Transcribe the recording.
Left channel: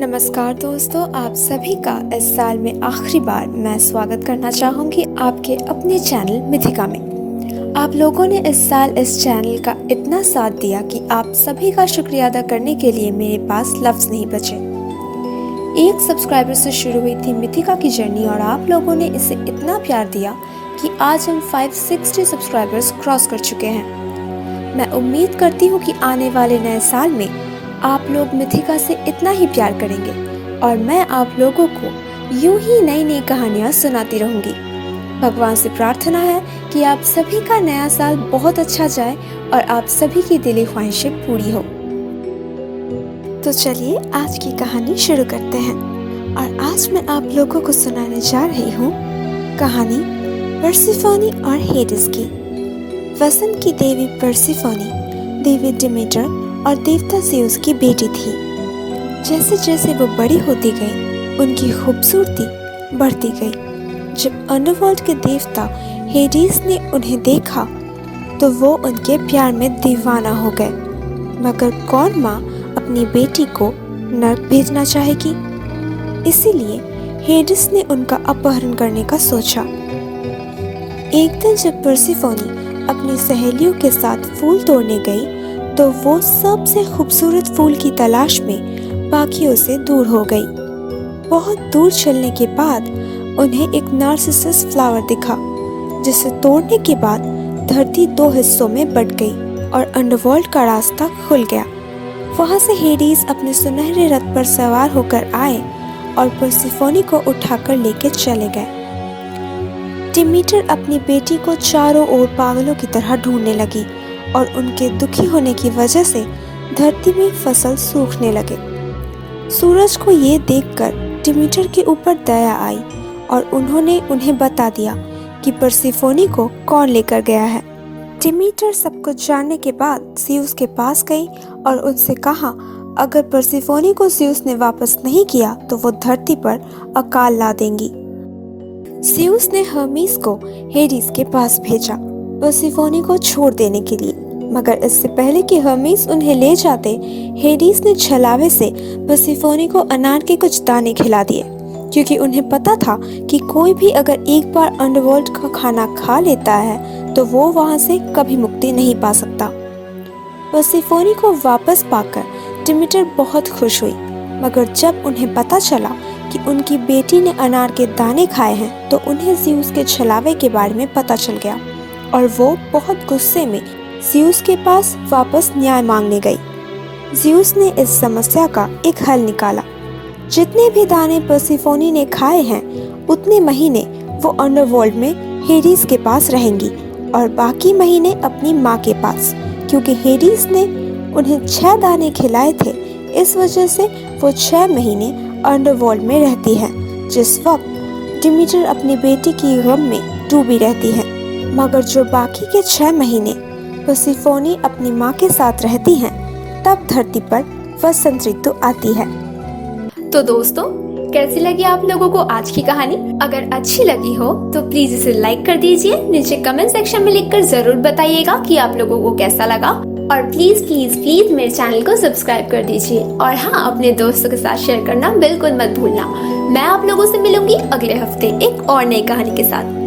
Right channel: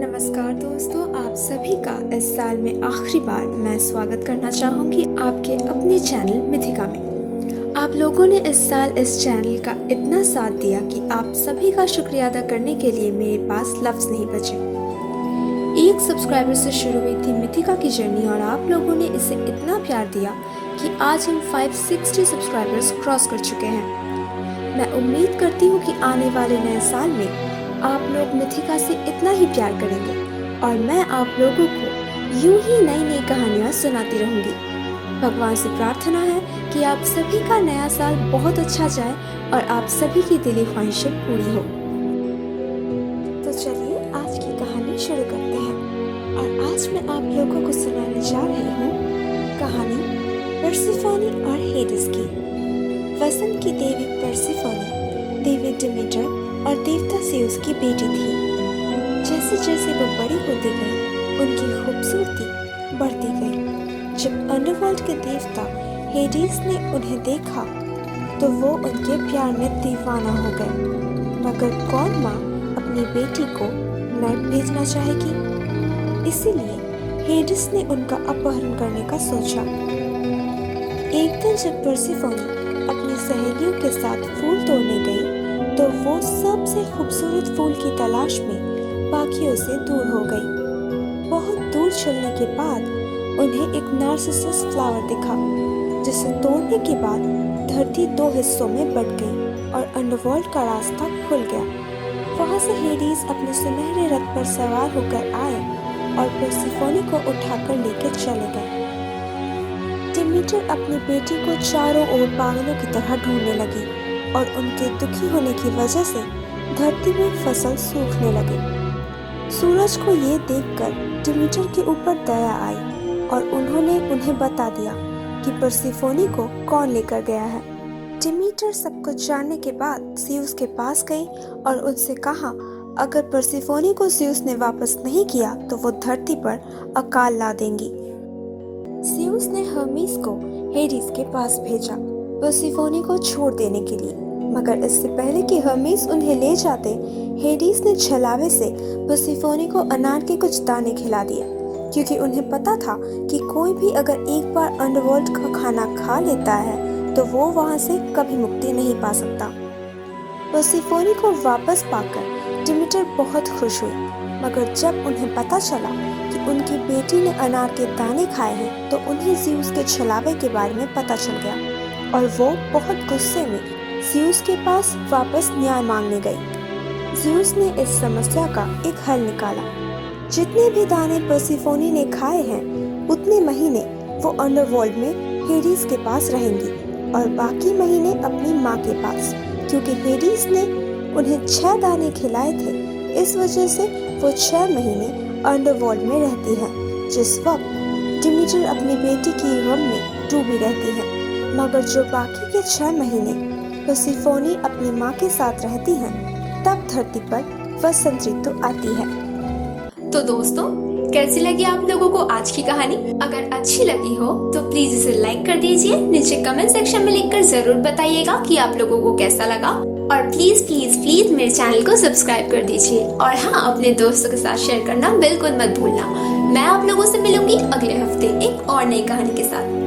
नमस्कार दोस्तों, आप सभी का इस साल में आखिरी बार मैं स्वागत करना चाहूँगी आपके अपने चैनल मिथिका में। आप लोगों ने इस साल इस चैनल का इतना साथ दिया कि आप सभी का शुक्रिया अदा करने के लिए मेरे पास लफ्ज़ नहीं बचे। एक सब्सक्राइबर से शुरू हुई थी मिथिका की जर्नी और आप लोगों ने इसे इतना प्यार दिया कि आज हम 560 सब्सक्राइबर्स क्रॉस कर चुके हैं। मैं उम्मीद करती हूँ कि आने वाले नए साल में आप लोग मिथिका से इतना ही प्यार करेंगे और मैं आप लोगों को यूं ही नई नई कहानियाँ सुनाती रहूँगी। भगवान से प्रार्थना है कि आप सभी का नया साल बहुत अच्छा जाए और आप सभी की दिली ख्वाहिशें पूरी हो। तो चलिए आज की कहानी शुरू करते हैं और आज मैं आप लोगों को सुनाने जा रही हूँ कहानी पर्सिफोनी और हेडिस की। वसंत की देवी पर्सिफोनी देवी डिमीटर और देवता ज़्यूस की बेटी थी। जैसे जैसे वो बड़ी होती गई उनकी खूबसूरती बढ़ती गई। जब अंडरवर्ल्ड के देवता हेडिस ने उन्हें देखा तो वो उनके प्यार में दीवाना हो गए। मगर कौन माँ अपनी बेटी को नर्क भेजना चाहेगी? इसीलिए हेडिस ने उनका अपहरण करने का सोचा। एक दिन जब पर्सिफोनी अपनी सहेलियों के साथ फूल तोड़ने गई तो वो सबसे खूबसूरत फूल की तलाश में बाकियों से दूर हो गई। बहुत दूर चलने के बाद उन्हें एक नार्सिसस फ्लावर दिखा, जिसे तोड़ने के बाद धरती 2 हिस्सों में बट गई और अंडरवर्ल्ड का रास्ता खुल गया। वहां से हेडिस अपने सुनहरे रथ पर सवार होकर आए और पर्सिफोनी को उठाकर लेके चले गए। डिमीटर अपनी बेटी को चारों ओर पागलों की तरह ढूंढने लगी और उनके दुखी होने की वजह से धरती में फसल सूखने लगे। सूरज को ये देखकर डिमीटर के ऊपर दया आई और उन्होंने उन्हें बता दिया कि पर्सिफोनी को कौन लेकर गया है। डिमीटर सब कुछ जानने के बाद ज़्यूस के पास गई और उनसे कहा अगर पर्सिफोनी को ज़्यूस ने वापस नहीं किया तो वो धरती पर अकाल ला देंगी। ज़्यूस ने हर्मीस को हेडिस के पास भेजा पर्सिफोनी को छोड़ देने के लिए, मगर इससे पहले कि हर्मीस उन्हें ले जाते हेडिस ने छलावे से पर्सिफोनी को अनार के कुछ दाने खिला दिए, क्योंकि उन्हें पता था कि कोई भी अगर एक बार अंडरवर्ल्ड का खाना खा लेता है तो वो वहां से कभी मुक्ति नहीं पा सकता। पर्सिफोनी को वापस पाकर डिमीटर बहुत खुश हुई, मगर जब उन्हें पता चला कि उनकी बेटी ने अनार के दाने खाए हैं तो उन्हें ज़्यूस के छलावे के बारे में पता चल गया और वो बहुत गुस्से में ज़्यूस के पास वापस न्याय मांगने गई। ज़्यूस ने इस समस्या का एक हल निकाला। जितने भी दाने पर्सिफोनी ने खाए हैं उतने महीने वो अंडरवर्ल्ड में हेडिस के पास रहेंगी और बाकी महीने अपनी माँ के पास, क्योंकि हेडिस ने उन्हें 6 दाने खिलाए थे। इस वजह से वो 6 महीने अंडरवर्ल्ड में रहती है, जिस वक्त डिमीटर अपनी बेटी की गम में डूबी रहती है। मगर जो बाकी के 6 महीने पर्सिफोनी अपनी माँ के साथ रहती हैं, तब धरती पर वसंत ऋतु आती है। तो दोस्तों, कैसी लगी आप लोगों को आज की कहानी? अगर अच्छी लगी हो तो प्लीज इसे लाइक कर दीजिए। नीचे कमेंट सेक्शन में लिखकर जरूर बताइएगा कि आप लोगों को कैसा लगा और प्लीज प्लीज प्लीज मेरे चैनल को सब्सक्राइब कर दीजिए और हाँ, अपने दोस्तों के साथ शेयर करना बिल्कुल मत भूलना। मैं आप लोगों से मिलूंगी अगले हफ्ते एक और नई कहानी के साथ।